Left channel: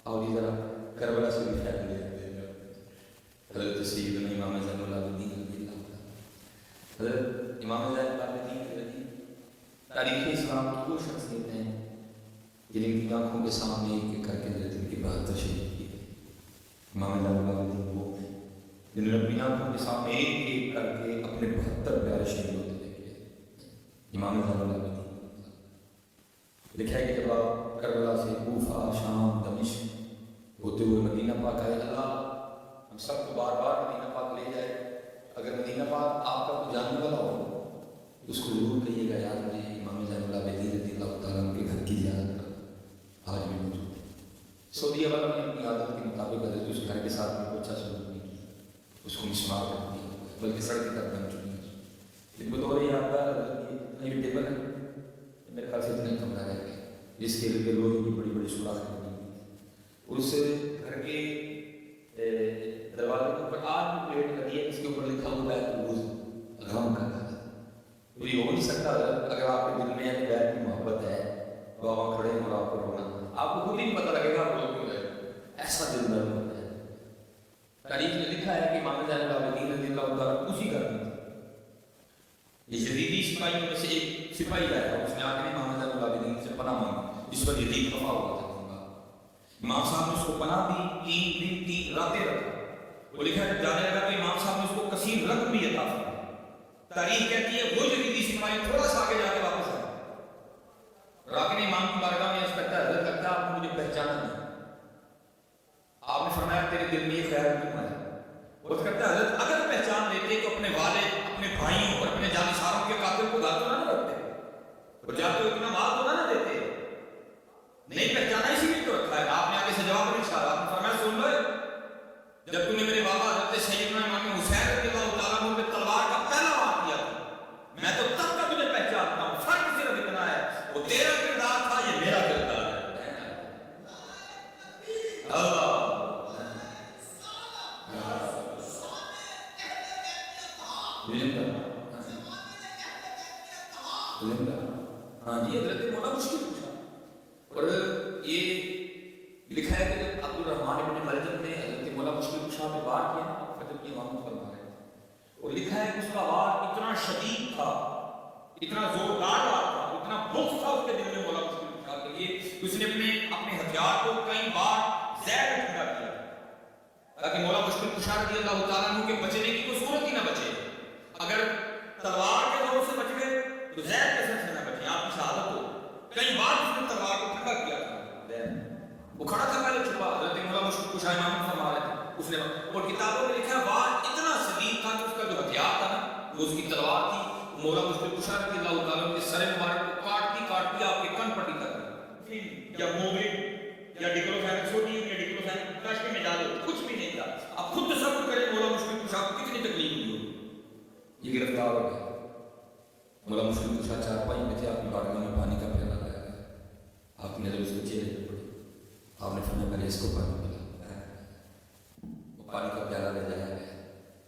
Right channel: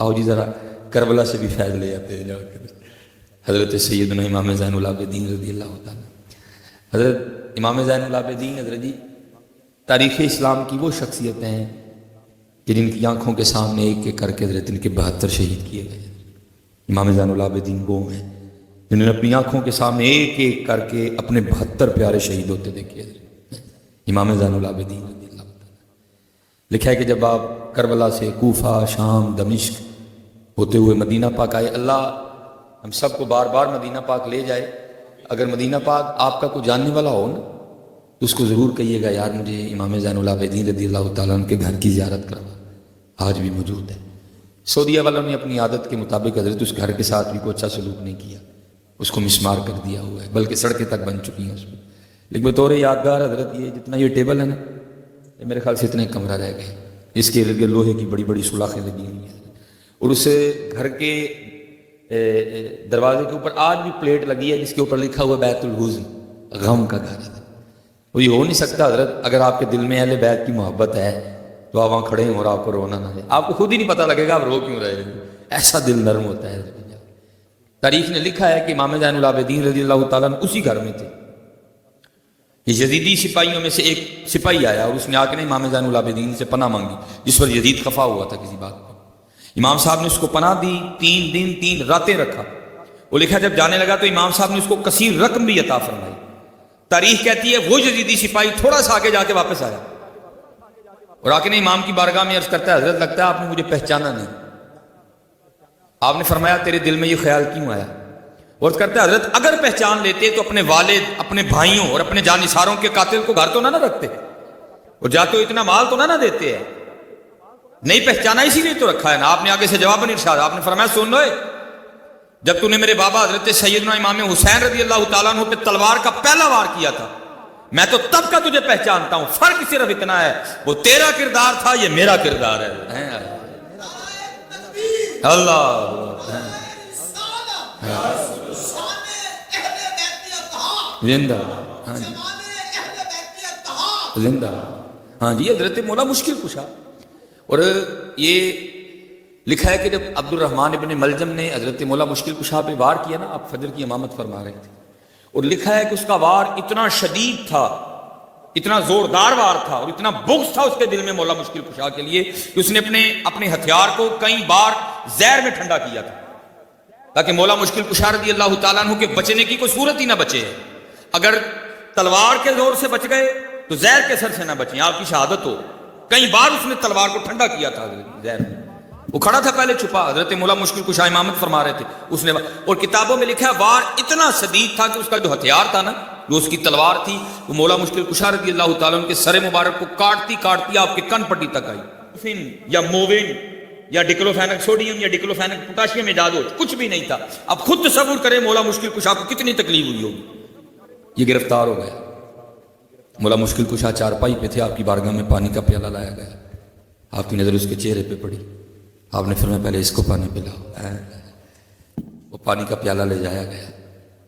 آؤ جی ذرا کربلا سے بھی فیض لے جاتے ہیں جا کر حضرت سیدنا امام زین العابدین رضی اللہ تعالیٰ. حضرت امام زین العابدین حضرت جی تاریخ اسلام کی وہ شخصیتیں ہیں کہ جن کی آنکھوں کے سامنے ایک ایک کر کے حضرت ان کے 72 شہید کیے گئے. امام زین العابدین وہ ہیں جنہوں نے اپنی آنکھوں کے سامنے ایک ایک کر کے اپنے 72 پیارے شہید ہوتے دیکھے. امام زین العابدین رضی اللہ تعالیٰ. لکھا ہے کہ جب آپ کربلا سے کوفہ، شام، دمشق ہوتے ہوئے مدینہ پاک آئے، اللہ ہم سب کو بار بار مدینہ پاک لے جائے. اگر مدینہ پاک آپ کا کوئی جاننے والا ہو نا تو اس کو ضرور کہیے گا یار مجھے امام زین العابدین رضی اللہ تعالیٰ عنہ کے گھر کی زیارت کروا. آج بھی موجود ہے. سعودیہ والوں نے اپنی عادت کے مطابق حضرت اس گھر کے ساتھ بھی کوئی اچھا سلوک نہیں کیا، اس کو مسمار کر دیا ہوا ہے، بلکہ سڑکیں تک بن چکی ہیں اس میں. لیکن بطور یادگار حضرت یہ جتنا یہ ٹیبل ہے نا یہ میرے خیال سے اتنے کمرہ رہ گئے. اس کے ارد گرد لوہے کی بڑی بڑی سوراخیں لگی ہوئی ہیں اور اس گھر کے دروازے کے اوپر آج بھی پلیٹ لگی ہے جس کے اوپر لکھا ہوا بیت الحزن، غم کا گھر ہے. وہ یہ ہو نہیں سکتا حضرت اگر آپ کے دل میں اہل بیت کی محبت ہے تو آپ وہاں کھڑے ہیں اور آپ کو رونا نہ ہے. آپ کو خود ہی نہیں پتہ لگے گا آپ رو کیوں رہے ہیں. ایسا دل نرم ہوتا ہے. تاریخ نے لکھا ہے کہ امام زین العابدین رضی اللہ تعالیٰ اسی گھر میں تھے. یہ یزیدی سپاہیوں میں سے ایک سپاہی آیا اور اس نے آ کے امام زین العابدین سے پناہ مانگی جس پر یزید خفا ہوا تھا کسی بات پر. امام صاحب نے اس کو پناہ دی، 3 دن 3 راتیں رکھا. وہ لکھا جب جانے لگا تو امام صاحب نے اس کو کثیر رقم بھی عطا فرمائی. تاریخ کہتی ہے وہ یزیدی سپاہی تھوڑا سا آگے جا کے واپس آیا اور آ کے نے امام کی بارگاہ میں عرض کرتا ہے حضرت لگتا ہے آپ نے مجھے پہچانا نہیں. آپ نے فرمایا تیرے دل میں یہ خیال کیوں آیا؟ اور کرتا ہے حضرت اگر پہچان لیتے تو اپنے والد، اپنے بھائیوں اور اپنے جانثاروں کے قاتل کو گھر تو نہ رکھتے اور جاتے ہو اتنا مال تو نہ دیتے ہیں. نہیں پہچانا اسی لیے تو رکھا ہے نا. آپ نے آگے سے جواب نہیں ارشاد. آپ نے فرمایا سن لو جب تو نے میرے بابا حضرت سیدنا امام حسین رضی اللہ تعالیٰ عنہ پہ تلوار کا پہلا وار کیا تھا میں تو تب کا تجھے پہچانتا ہوں. فرق صرف اتنا ہے وہ تیرا کردار تھا یہ میرا کردار ہے. اللہ زندہ ہاں جی زندہ ہاں جی حضرت مولا مشکل کشا. اور یہ لکھا ہے کہ جب عبد الرحمن ابن ملجم نے حضرت مولا مشکل کشا پہ وار کیا نا، آپ فجر کی امامت فرما رہے تھے اور لکھا ہے کہ اس کا وار اتنا شدید تھا، اتنا زوردار وار تھا اور اتنا بغض تھا اس کے دل میں مولا مشکل کشا کے لیے کہ اس نے اپنے ہتھیار کو کئی بار زہر میں ٹھنڈا کیا تھا تاکہ مولا مشکل کشا رضی اللہ تعالیٰ عنہ کے بچنے کی کوئی صورت ہی نہ بچے. اگر تلوار کے زور سے بچ گئے تو زہر کے سر سے نہ بچیں، آپ کی شہادت ہو. کئی بار اس نے تلوار کو ٹھنڈا کیا تھا زہر میں. وہ کھڑا تھا پہلے چھپا، حضرت مولا مشکل کشا امامت فرما رہے تھے. اس نے اور کتابوں میں لکھا ہے وار اتنا شدید تھا کہ اس کا جو ہتھیار تھا نا جو اس کی تلوار تھی وہ مولا مشکل کشا رضی اللہ تعالیٰ عنہ کے سر مبارک کو کاٹتی کاٹتی آپ کے کن پٹی تک آئی. یا مووین یا ڈیکلوفینک سوڈیم یا ڈیکلوفینک پوٹاشیم ایجاد ہو کچھ بھی نہیں تھا. اب خود تصور کریں مولا مشکل کشا کو کتنی تکلیف ہوئی ہوگی. یہ گرفتار ہو گیا. مولا مشکل کشا چارپائی پہ تھے، آپ کی بارگاہ میں پانی کا پیالہ لایا گیا. آپ کی نظر اس کے چہرے پہ پڑی. آپ نے فرمایا پہلے اس کو پانی پلاؤ. وہ پانی کا پیالہ لے جایا گیا.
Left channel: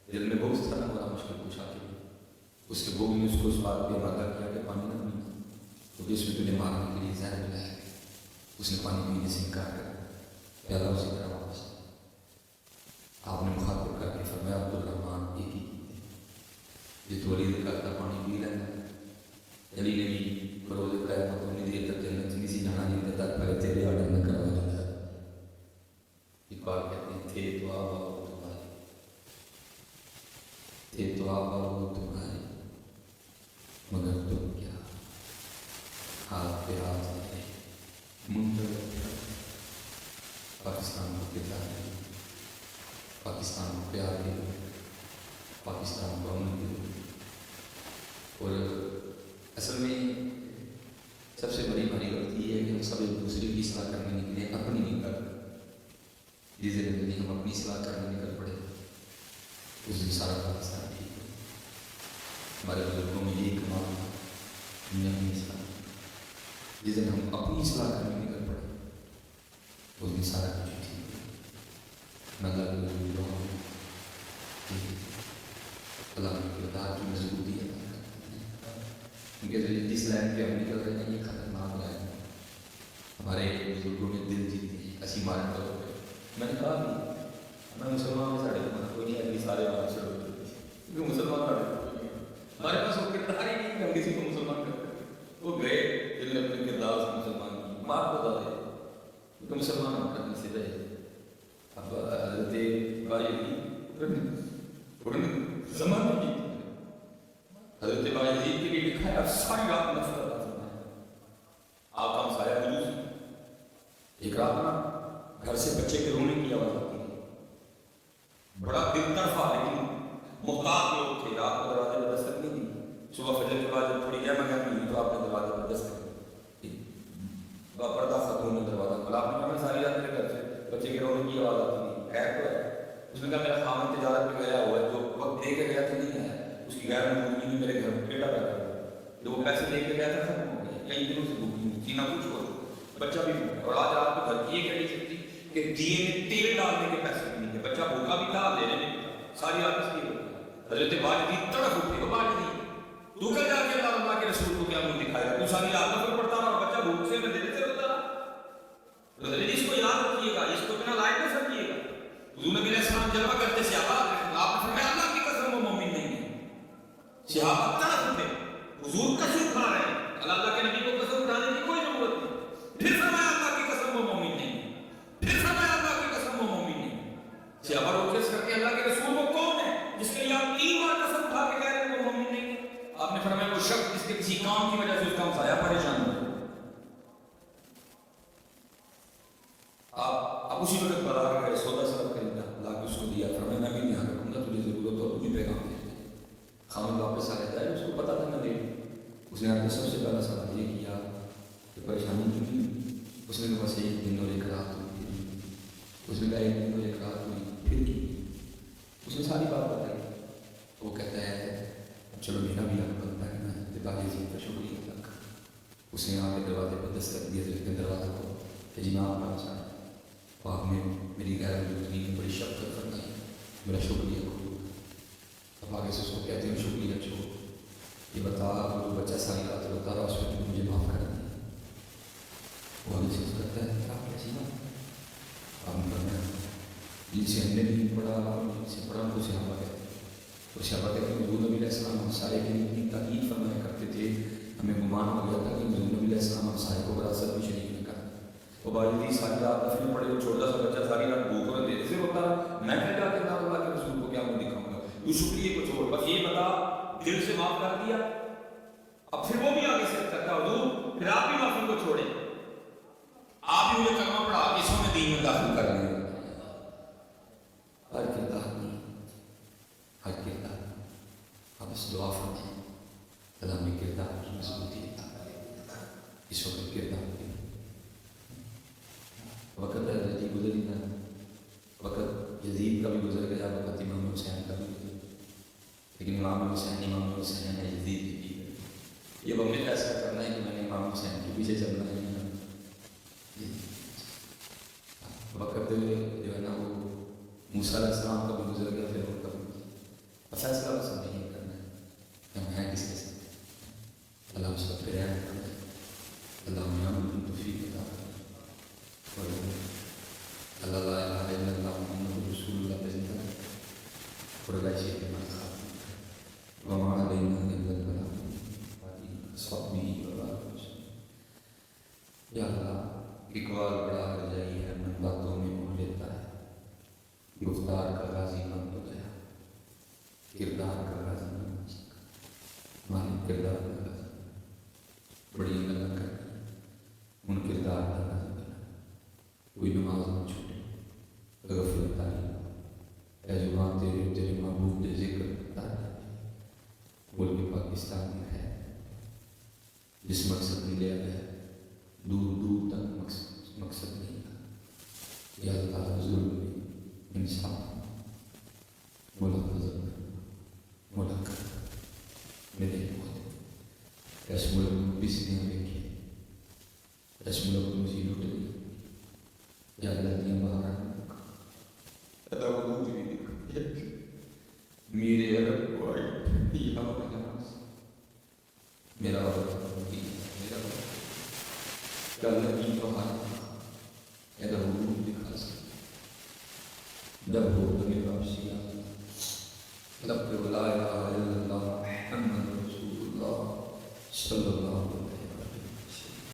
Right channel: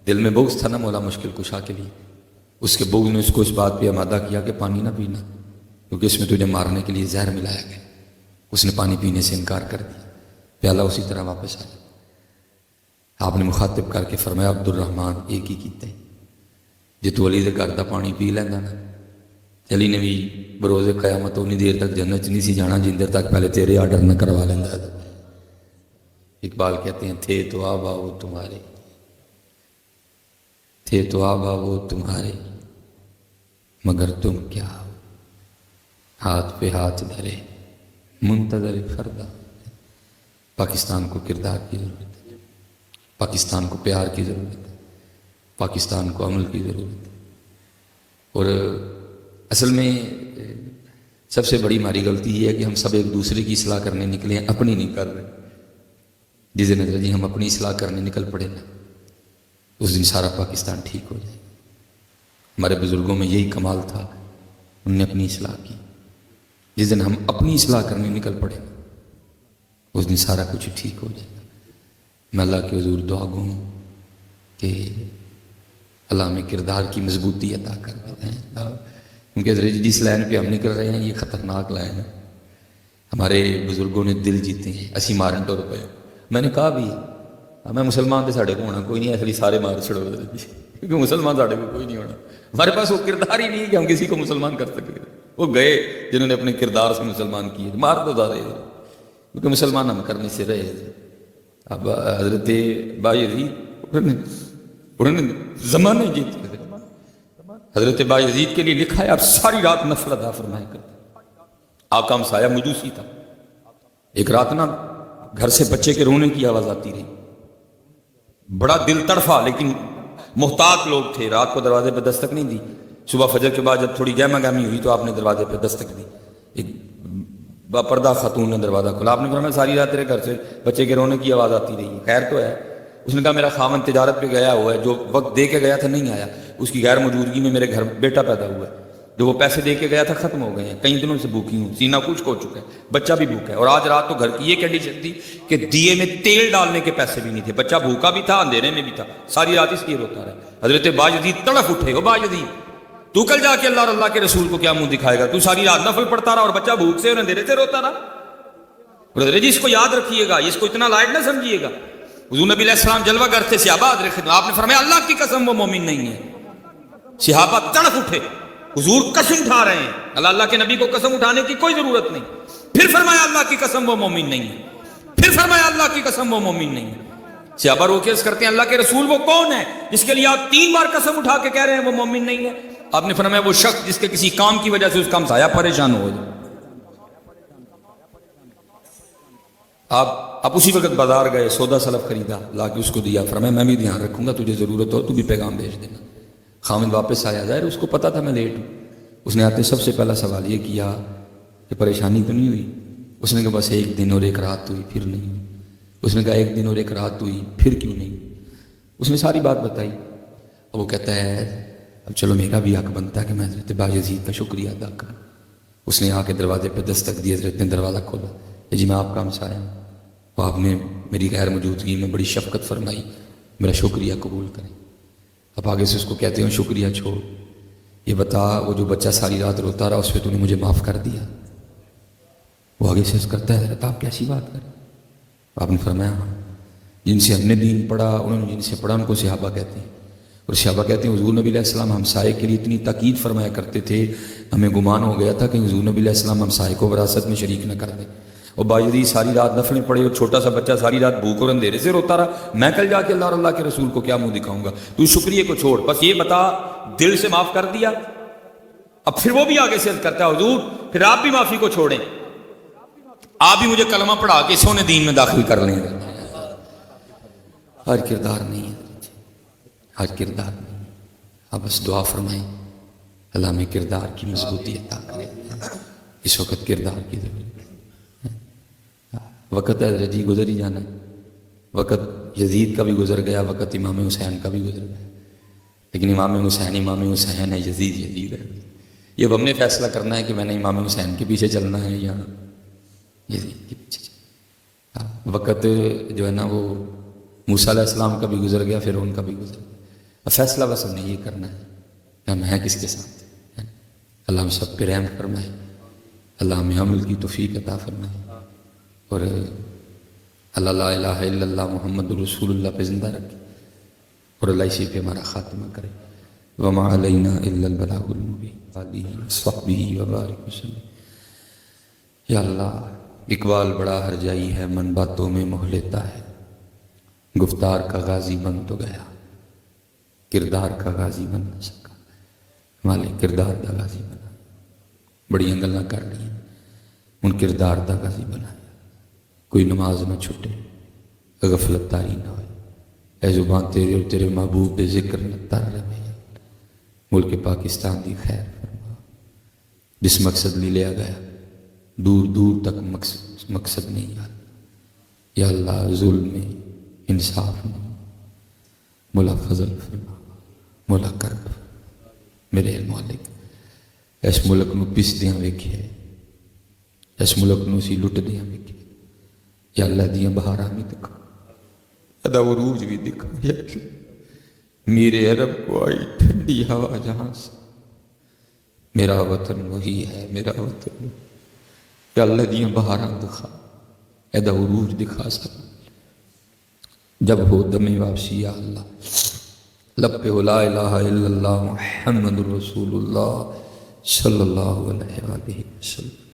دل میں بغض تھا نا مولا مشکل کشا کے لیے. اس کے بغض نے اس کو اس بات پہ آمادہ کیا کہ پانی نہ پینا کیونکہ اس میں تجھے مارنے کے لیے زہر ملایا گیا. اس نے پانی پینے سے انکار کر دیا. پیالہ اسی طرح واپس آیا. آپ نے مخاطب کر کے فرمایا عبد الرحمن ایک ہی کیتے جی تو علی دے گھر دا پانی پی لینا نا. علی نے بھی بروز قیامت اتنی دیر تک جنت نہیں سی جانا جن دیر تک پہلے تیرے آرڈر نہ کروا لینا. اقبال کہتے ہیں تھے تو آبا وہ تمہارے، تھے تو آبا وہ تمہارے مگر تم کیا ہاتھ پہ ہاتھ دھرے منتظر فردا. پاکستان کو کردار کی ضرورت، پاکستان کو پیار کی ضرورت، پاکستان کو عمل کی ضرورت. اور اصل میں سب سے بڑی ہماری غلطی یہ ہے کہ ہم سب ایک دوسرے کی اصلاح کرنے نکلے ہیں، اپنی نہیں کر رہے. جس دن جی ہم اپنی اصلاح کرنے نکل پڑے نا اس دن سارا پاکستان ٹھیک ہو جائے. ہمارے بزرگوں میں یہی کمال تھا، انہوں نے اپنی اصلاح کی. جس دن ہم اپنی اصلاح کرنے نکل پڑے اس دن سارا کچھ ٹھیک ہو جائے. میں اللہ کے حضور دعا گوں کہ اللہ میں کردار کی مضبوطی عطا کر دیتے ہیں کیونکہ جس لائن پہ ہم نکل رہے ہیں یہ خطرناک لائن ہے. ہمارے بزرگوں نے دل جیتے ہیں، اسی مارن تو روپے. میں نے کہا بھی میں مسلمان تو ساڑھے کو ہونا کوئی نہیں ہے، اس لیے سارے مار چھڑو کیونکہ مسلمان ساڑھے کو کوئی نہیں ہونا. ہمارے پاس وہ کردار ہی نہیں ہے کہ ہم کسی کو مسلمان کر سکیں. وہ گئے جنہوں نے اپنے کردار سے مسلمان کیے، مار تو زیادہ ہے کیونکہ مسلمان ہم کرنے سے رہے. اب حضرت بايزيد انہوں نے زمانے جیتے. حضرت بايزيد کے لیے لکھا ہے آپ ساری رات نفل ادا فرمایا کرتے. آقا مسایہ مجوسی تھا. ایک رات نا گھر سے بچے کے رونے کی آواز آتی رہی، بڑا دل تڑفا، لیکن محتاط لوگ تھے، رات کو دروازے پہ دستک نہیں دی. صبح فجر کے بعد جب تھوڑی گہما گہمی ہوئی تو آپ نے دروازے پہ دستک دی. ایک باپردہ خاتون نے دروازہ کھولا. آپ نے فرمایا ساری رات تیرے گھر سے بچے کے رونے کی آواز آتی رہی، خیر تو ہے؟ اس نے کہا میرا خاوند تجارت پہ گیا ہوا ہے، جو وقت دے کے گیا تھا نہیں آیا، اس کی غیر موجودگی میں میرے گھر بیٹا پیدا ہوا ہے، جو وہ پیسے دے کے گیا تھا ختم ہو گئے ہیں، کئی دنوں سے بھوکی ہوں، سینہ کچھ ہو چکا ہے، بچہ بھی بھوکا ہے. اور آج رات تو گھر کی یہ کنڈیشن تھی کہ دیے میں تیل ڈالنے کے پیسے بھی نہیں تھے، بچہ بھوکا بھی تھا، اندھیرے میں بھی تھا، ساری رات اس لیے روتا رہا. حضرت بايزيد تڑف اٹھے. وہ بايزيد تو کل جا کے اللہ اور اللہ کے رسول کو کیا منہ دکھائے گا؟ تو ساری رات نفل پڑھتا رہا اور بچہ بھوک سے اور اندھیرے سے روتا رہا. حضرت جی اس کو یاد رکھیے گا، اس کو اتنا لائٹ نہ سمجھیے گا. حضور نبی علیہ السلام جلوہ گر تھے، صحابہ آپ نے فرمایا اللہ کی قسم وہ مومن نہیں ہے. صحابہ تڑپ اٹھے، حضور قسم اٹھا رہے ہیں، اللہ کے نبی کو قسم اٹھانے کی کوئی ضرورت نہیں. پھر فرمایا اللہ کی قسم وہ مومن نہیں ہے، پھر فرمایا اللہ کی قسم وہ مومن نہیں ہے. صحابہ رو کے عرض کرتے ہیں اللہ کے رسول وہ کون ہے جس کے لیے آپ 3 بار قسم اٹھا کے کہہ رہے ہیں وہ مومن نہیں ہے؟ آپ نے فرمایا وہ شخص جس کے کسی کام کی وجہ سے اس کا ہمسایہ پریشان ہو جائے. آپ اسی وقت بازار گئے، سودا سلف خریدا، لا کے اس کو دیا، فرمایا میں بھی دھیان رکھوں گا، تجھے ضرورت ہو تو بھی پیغام بھیج دینا. خامد واپس آیا، ظاہر اس کو پتا تھا میں لیٹ ہوں. اس نے آتے سب سے پہلا سوال یہ کیا کہ پریشانی تو نہیں ہوئی؟ اس نے کہا بس 1 دن اور 1 رات ہوئی، پھر نہیں. اس نے کہا 1 دن اور 1 رات ہوئی، پھر کیوں نہیں؟ اس نے ساری بات بتائی. اور وہ کہتا ہے اب چلو میرا بھی حق بنتا ہے کہ میں حضرت بايزيد کا شکریہ ادا کروں. اس نے آ کے دروازے پہ دستک دی، حضرت نے دروازہ کھولا، جی میں آپ کا ہمسایہ ہوں، وہ آپ نے میری غیر موجودگی میں بڑی شفقت فرمائی، میرا شکریہ قبول کریں. اب آگے سے اس کو کہتے ہیں شکریہ چھوڑ، یہ بتا وہ جو بچہ ساری رات روتا رہا اس پہ تو نے مجھے معاف کر دیا؟ وہ آگے سے کرتا ہے حضرت آپ کیسی بات کریں؟ آپ نے فرمایا جن سے ہم نے دین پڑھا انہوں نے جن سے پڑھا ان کو صحابہ کہتے ہیں. اور صحابہ کہتے ہیں حضور نبی علیہ السلام ہمسائے کے لیے اتنی تاکید فرمایا کرتے تھے، ہمیں گمان ہو گیا تھا کہ حضور نبی علیہ السلام ہمسائے کو وراثت میں شریک نہ کر دیں. اور بايزيد ساری رات نفلیں پڑھے اور چھوٹا سا بچہ ساری رات بھوک اور اندھیرے سے روتا رہا. میں کل جا کے اللہ اور اللہ کے رسول کو کیا منہ دکھاؤں گا؟ تو شکریہ کو چھوڑ، بس یہ بتا دل سے معاف کر دیا؟ اب پھر وہ بھی آگے سے کرتا ہے حضور پھر آپ بھی معافی کو چھوڑیں، آپ بھی مجھے کلمہ پڑھا کے سونے دین میں داخل کر لیں. ہر کردار نہیں ہے، ہر کردار نہیں. اب بس دعا فرمائیں اللہ میں کردار کی مضبوطی عطا کرے. اس وقت کردار کی ضرورت، وقت ہے حضرت جی گزر ہی جانا. وقت یزید کا بھی گزر گیا، وقت امام حسین کا بھی گزر گیا، لیکن امام حسین ہے، یزید ہے. یہ اب ہم نے فیصلہ کرنا ہے کہ میں نے امام حسین کے پیچھے چلنا ہے یا یزید کے پیچھے چلنا ہے. وقت جو ہے نا وہ موسیٰ علیہ السلام کا بھی گزر گیا، فرعون کا بھی گزر گیا. اب فیصلہ بس ہم نے یہ کرنا ہے کہ ہم ہیں کس کے ساتھ. اللہ ہم سب پہ رحم فرمائے، اللہ ہمیں عمل کی توفیق عطا فرمائے، اور اللہ لا الہ الا اللہ محمد رسول اللہ پہ زندہ رکھے، اور اللہ اسی پہ ہمارا خاتمہ کرے. وما علینا الا البلاغ المبین آلہ وصحبہ وبارک وسلم. یا اللہ اقبال بڑا ہرجائی ہے، من باتوں میں موہ لیتا ہے، گفتار کا غازی بن تو گیا، کردار کا غازی بن نہ سکا. مالک کردار دا غازی بنا، بڑیاں گلاں کر لی ان کردار دا غازی بنا. کوئی نماز نہ چھوٹے، غفلت تاری نہ ہوئے، اے زبان تیرے اور تیرے محبوب بے ذکر نہ تر رہے. ملک پاکستان دی خیر فرما، جس مقصد لی لیا گیا دور دور تک مقصد نہیں یاد. یا اللہ ظلم میں انصاف میں مولا فضل فرما، مولا کرب. میرے مالک اس ملک نو پس دیاں ویکھے، اس ملک نو سی لٹ دیاں ویکھے. یا اللہ دیاں بہاراں بھی دکھا، ادا عروج بھی دکھا. یا میرے عرب کو آئی ٹھنڈی ہوا جہاں سے، میرا وطن وہی ہے، میرا وطن کہ اللہ دیاں بہاراں دکھا ایدا عروج دکھا سکتا جب ہو دم واپسی یا اللہ لب پہ لا الہ الا اللہ محمد رسول اللہ صلی اللہ علیہ وسلم.